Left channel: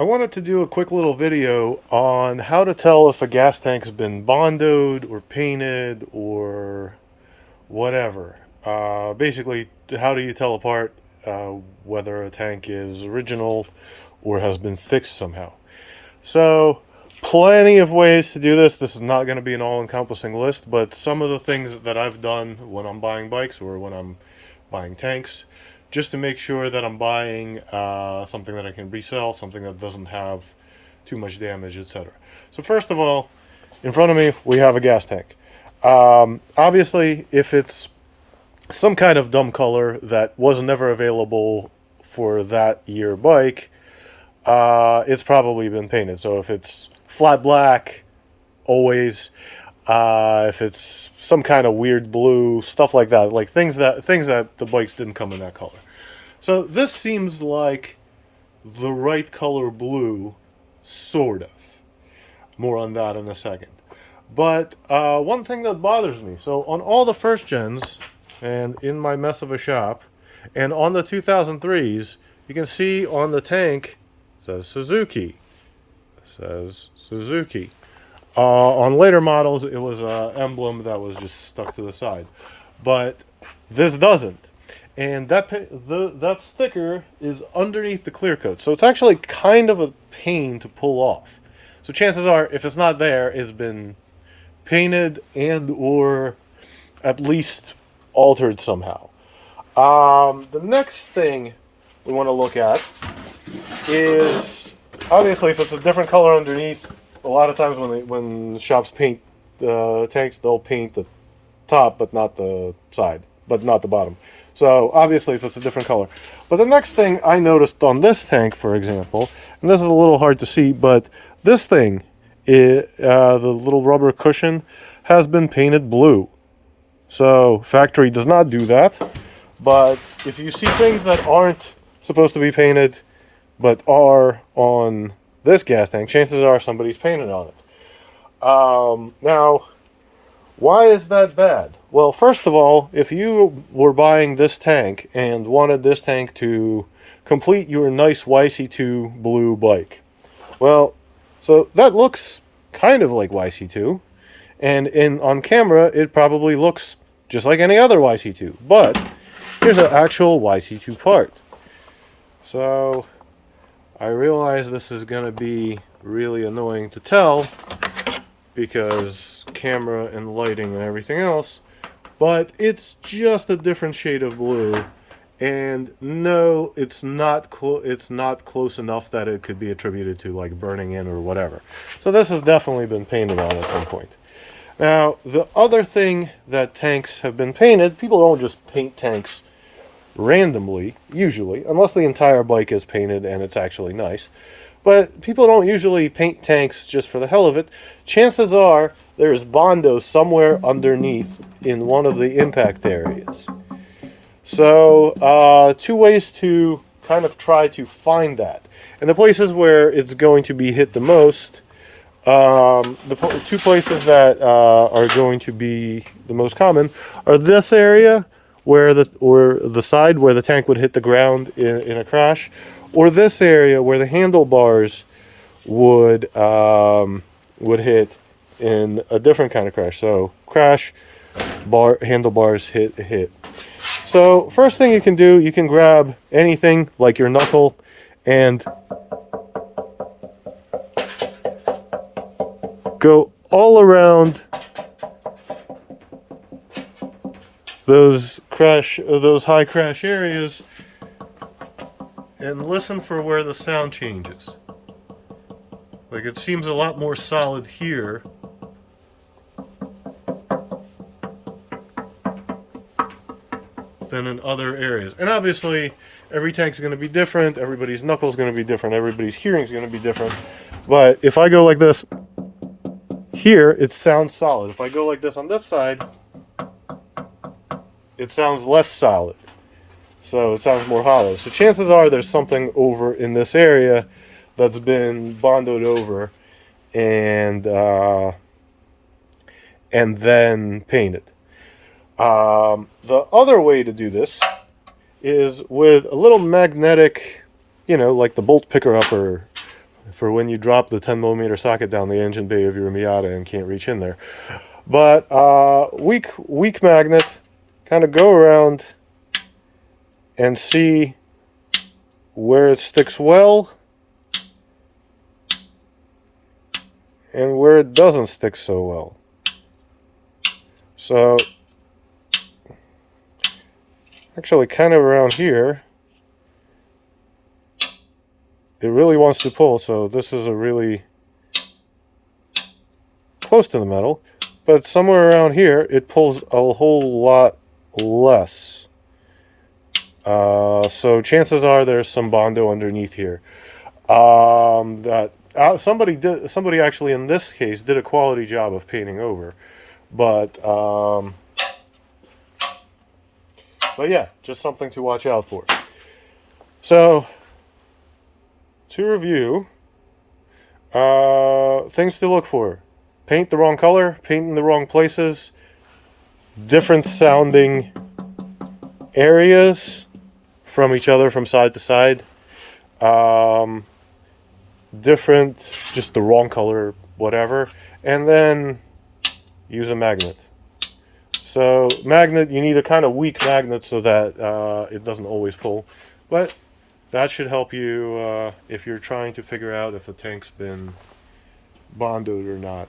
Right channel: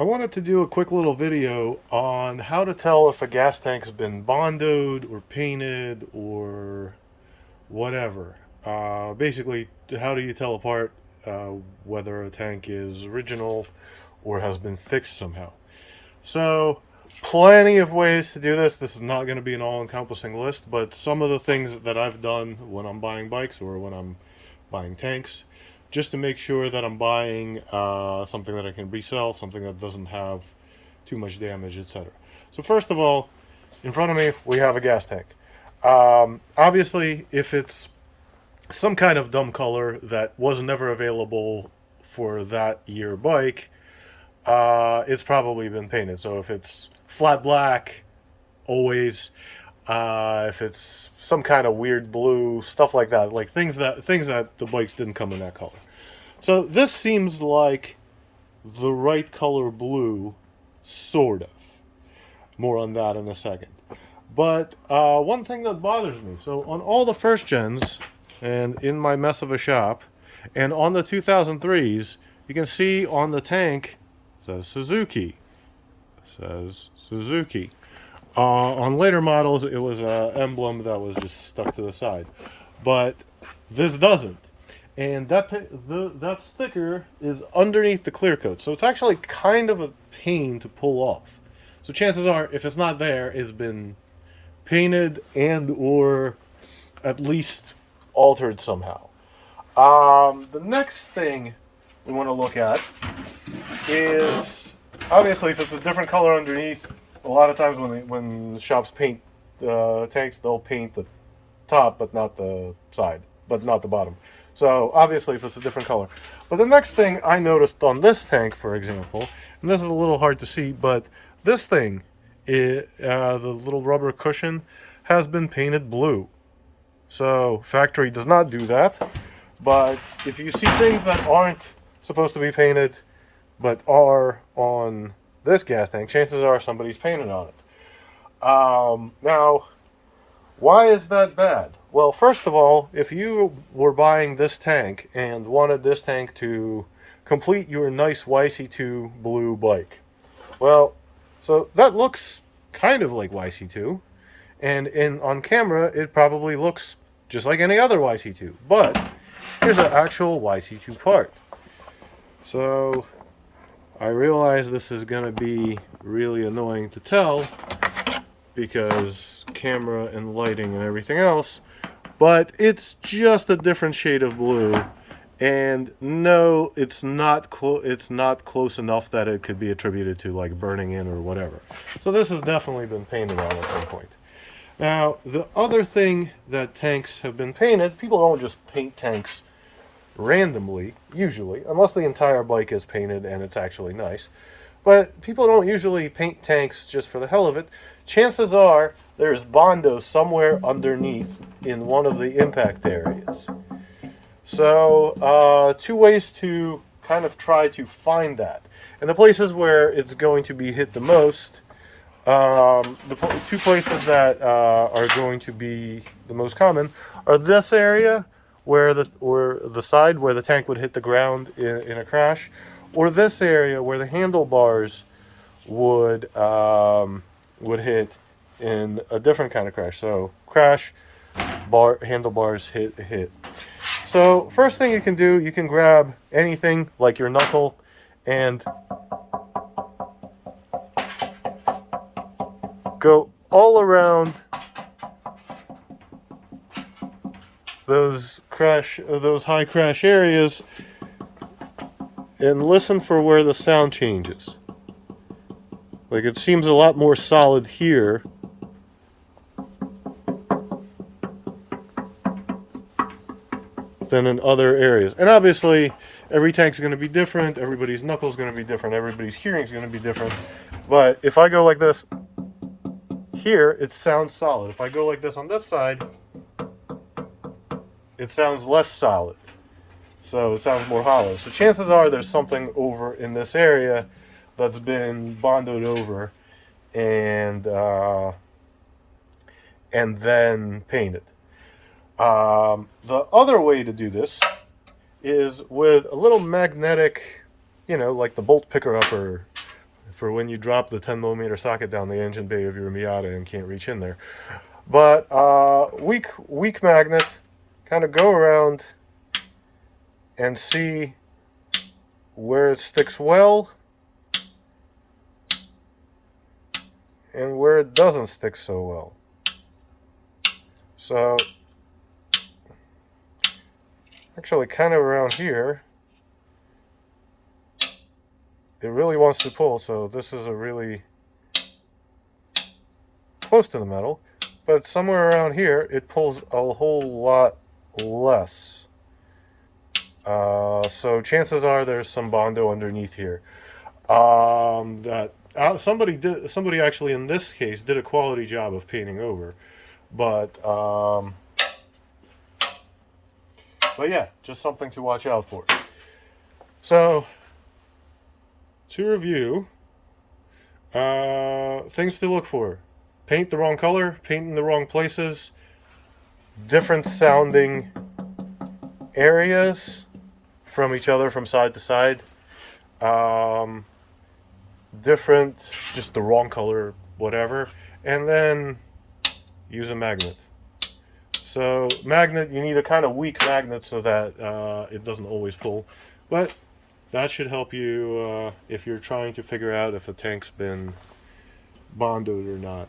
I wanted to do a quick little video on how to tell if a gas tank's been bondoed or painted or whatever. Basically, how do you tell apart whether a tank is original or has been fixed somehow? So, plenty of ways to do this. This is not going to be an all-encompassing list, but some of the things that I've done when I'm buying bikes or when I'm buying tanks, just to make sure that I'm buying something that I can resell, something that doesn't have too much damage, etc. So first of all, in front of me, we have a gas tank. Obviously, if it's some kind of dumb color that was never available for that year bike, it's probably been painted. So if it's flat black, always, if it's some kind of weird blue, stuff like that, like things that the bikes didn't come in that color. So this seems like the right color blue, sort of. More on that in a second. But one thing that bothers me, so on all the first gens, and in my mess of a shop, and on the 2003s, you can see on the tank, it says Suzuki. It says Suzuki. On later models, it was an emblem that was just stuck to the side. But this doesn't. And that sticker is underneath the clear coat. So it's actually kind of a pain to pull off. So chances are, if it's not there, it's been painted and or at least altered somehow. The next thing we want to look at is, obviously, if it's a different color underneath, a lot of times when shops paint the tanks, they'll paint the top but not the side, but not the bottom. So obviously if it's a different color. But the next thing I noticed on this tank, for example, and this is a little hard to see, but this thing, the little rubber cushion, has been painted blue. So factory does not do that. But if you see things that aren't supposed to be painted but are on this gas tank, chances are somebody's painted on it. Now, why is that bad? Well, first of all, if you were buying this tank and wanted this tank to complete your nice YC2 blue bike, well, so that looks kind of like YC2, and on camera it probably looks just like any other YC2, but here's an actual YC2 part. So I realize this is going to be really annoying to tell because camera and lighting and everything else, but it's just a different shade of blue, and no, it's not close enough that it could be attributed to like burning in or whatever. So this has definitely been painted on at some point. Now, the other thing that tanks have been painted, people don't just paint tanks randomly, usually, unless the entire bike is painted and it's actually nice. But people don't usually paint tanks just for the hell of it. Chances are there's bondo somewhere underneath in one of the impact areas. So two ways to kind of try to find that. And the places where it's going to be hit the most, the two places that are going to be the most common are this area where the side where the tank would hit the ground in a crash, or this area where the handlebars would hit in a different kind of crash. So crash, handlebars hit. So first thing you can do, you can grab anything like your knuckle and go all around those high crash areas and listen for where the sound changes. Like, it seems a lot more solid here than in other areas. And obviously, every tank's going to be different, everybody's knuckle's going to be different, everybody's hearing's going to be different. But if I go like this, here, it sounds solid. If I go like this on this side, it sounds less solid. So it sounds more hollow. So chances are there's something over in this area that's been bondoed over and then painted. The other way to do this is with a little magnetic, like the bolt picker upper for when you drop the 10mm socket down the engine bay of your Miata and can't reach in there. But weak magnet, kind of go around and see where it sticks well and where it doesn't stick so well. So actually kind of around here it really wants to pull, so this is a really close to the metal, but somewhere around here it pulls a whole lot less. So chances are there's some Bondo underneath here. Somebody actually in this case did a quality job of painting over, but yeah, just something to watch out for. So to review, things to look for: paint the wrong color, paint in the wrong places, different sounding areas from each other from side to side, different, just the wrong color, whatever, and then use a magnet. So magnet, you need a kind of weak magnet so that it doesn't always pull, but that should help you if you're trying to figure out if a tank's been bondoed or not.